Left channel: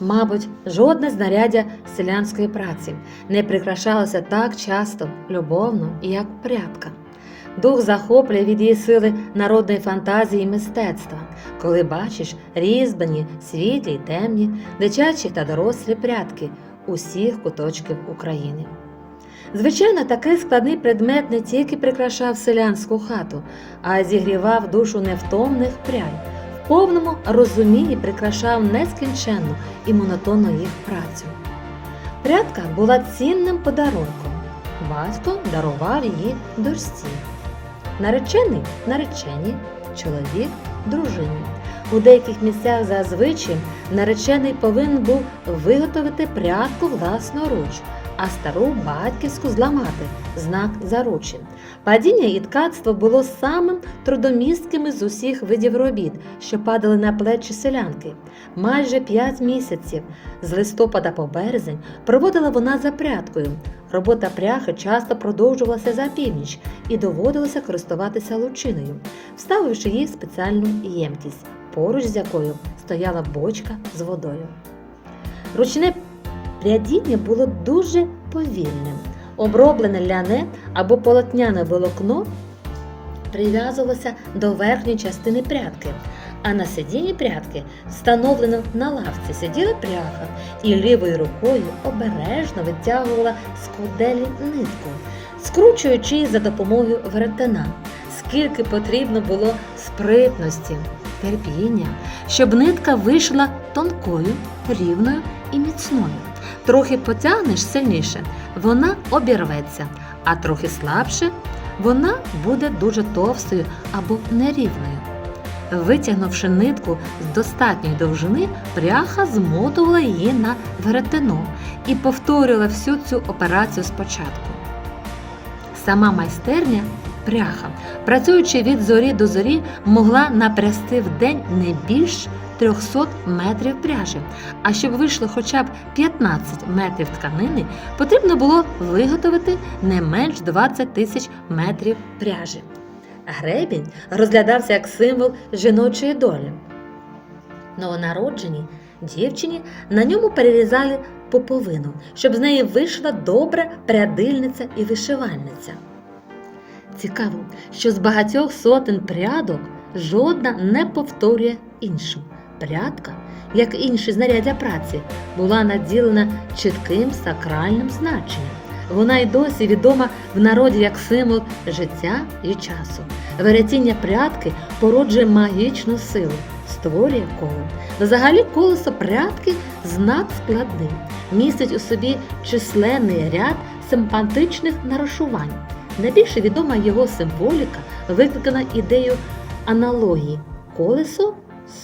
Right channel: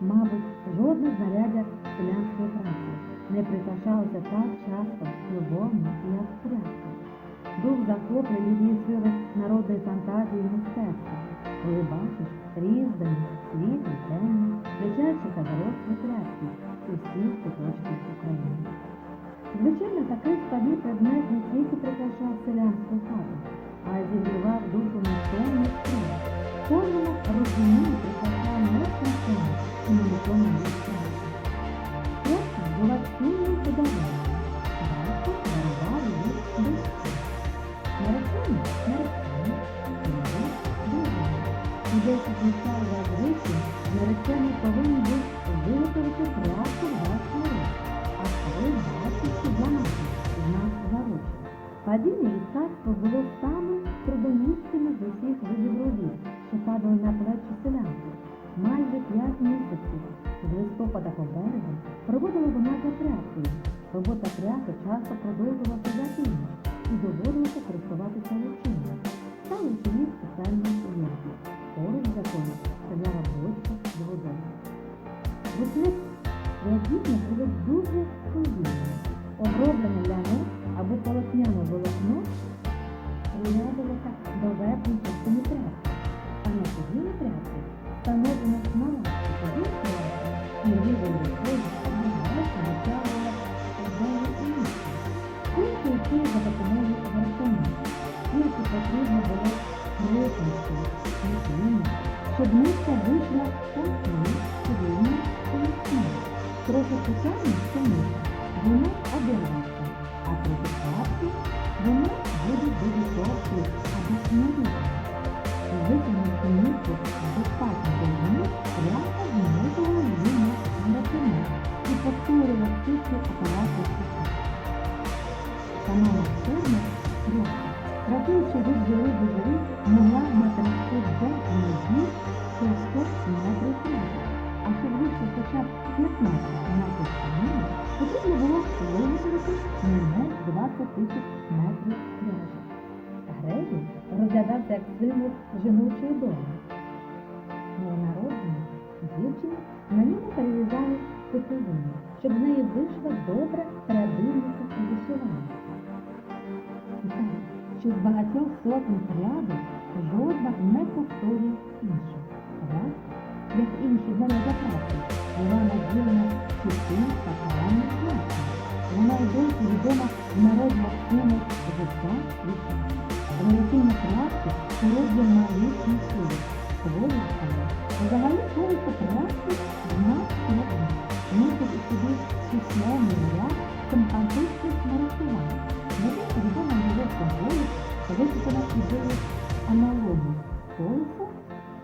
Мабуть, жодне знаряддя селянської праці не прикрашалося так часто, любовно, як прядка. Дух захоплює від її сили народної фантазії і мистецтва, коли бачиш різьблені, світлі й темні, дитячі та дорослі прядки усіх куточків України. Звичайно, такий складний предмет не тільки прикрашав селянську хату, а й зігрівав душу невтомних прядь, в повному розумінні прикрашав нескінченну і монотонну їх працю. Прядка була цінним подарунком. Батько дарував її дочці. Наречений наречені, чоловік дружині. У деяких місцях зазвичай наречений повинен був виготовити прядку власноруч, а стару батьківську зламати знак заручин. Падіння і ткацтво було самим трудомістким з усіх видів робіт, що падали на плечі селянки. Майже п'ять місяців з листопада по березень проводила вона за прядкою. Робота пряхи часто продовжувалася за північ і доводилося користуватися лучиною, вставивши її в спеціальну ємкість, поруч з якою стояла бочка з водою. Ручне прядіння було дуже повільним. Оброблене ляне або полотняне волокно прив'язувалося до верхньої частини прядки, а на сидінні прядки, встановлено на лавці, сиділа пряха і лівою рукою обережно витягувала з куделі нитку, скручуючи її за допомогою веретена. Скільки потрібно було спритності, терпіння, щоб нитка вийшла тонкою, рівною і міцною. Трохи потягнеш сильніше, вона обірветься, а трохи слабше вона буде дуже товстою або нерівною. Витягнувши нитку з достатньої довжини, пряха змотувала її на веретено і повторювала всю цю операцію спочатку. Сама майстерня пряха, працюючи від зорі до зорі, могла напрясти в день не більш 300 метрів пряжі. А щоб вийшло хоча б 15 метрів тканини, потрібно було виготовити не менш 20 тисяч метрів пряжі. Гребінь розглядався як символ жіночої долі. Новонародженій дівчині на ньому перерізали поповину, щоб з неї вийшла добра прядильниця і вишивальниця. Цікаво, що з багатьох сотень прядок жодна не повторює іншу. Прядка, як інші знаряддя праці, була наділена чітким сакральним значенням. Вона й досі відома в народі як символ життя і часу. Веретіння прядки породжує магічну силу, створює коло. Взагалі колесо прядки знак складний, містить у собі численний ряд симпатичних нарушувань. Найбільше відома його символіка, викликана ідеєю аналогії колесо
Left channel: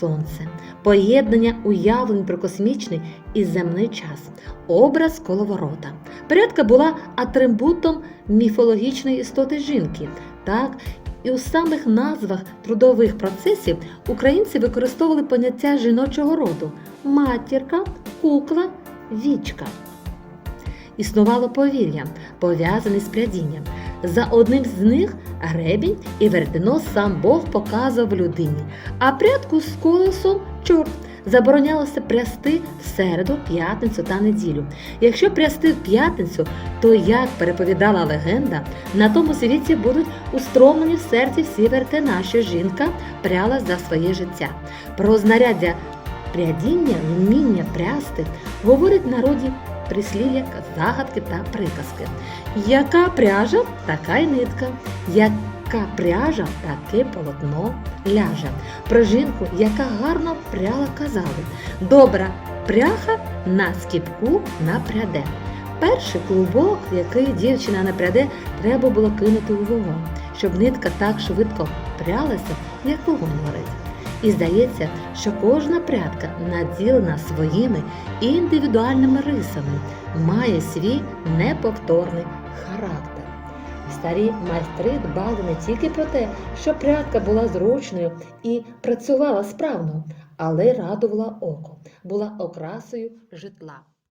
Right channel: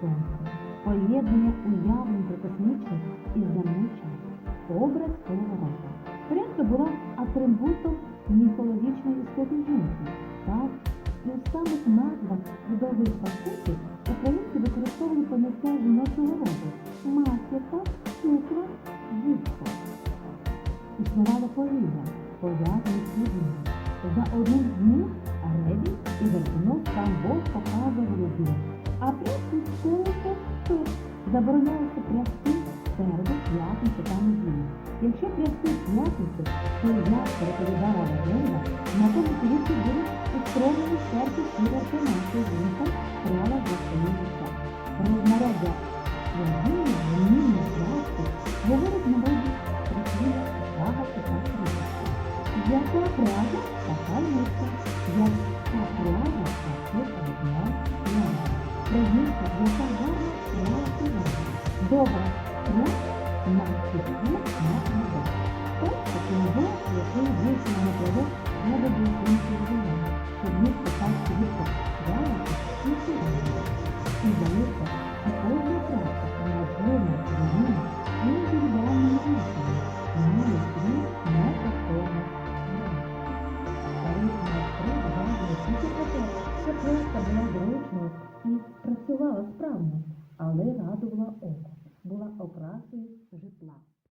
сонце, поєднання уявлень про космічний і земний час, образ коловорота. Порядка була атрибутом міфологічної істоти жінки. Так, і у самих назвах трудових процесів українці використовували поняття жіночого роду матірка, кукла, вічка. Існувало повір'я, пов'язане з прядінням. За одним з них гребінь і веретено сам Бог показував людині, а прядку з колесом чорт. Заборонялося прясти в середу, п'ятницю та неділю. Якщо прясти в п'ятницю, то, як переповідала легенда, на тому світі будуть устромлені в серці всі вертена, що жінка пряла за своє життя. Про знаряддя прядіння, вміння прясти говорить народі прислів'я, загадки та приказки. Яка пряжа, така й нитка. Яка пряжа, таке полотно ляже. Про жінку, яка гарно пряла, казали. Добра пряха на скіпку напряде. Перший клубок, який дівчина напряде, треба було кинути у вогонь, щоб нитка так швидко прялася, як вогонь горить. І здається, що кожна прядка наділена своїми індивідуальними рисами, має свій неповторний характер. Старі майстри дбали не тільки про те, що прядка була зручною і працювала справно, але радувала око, була окрасою житла.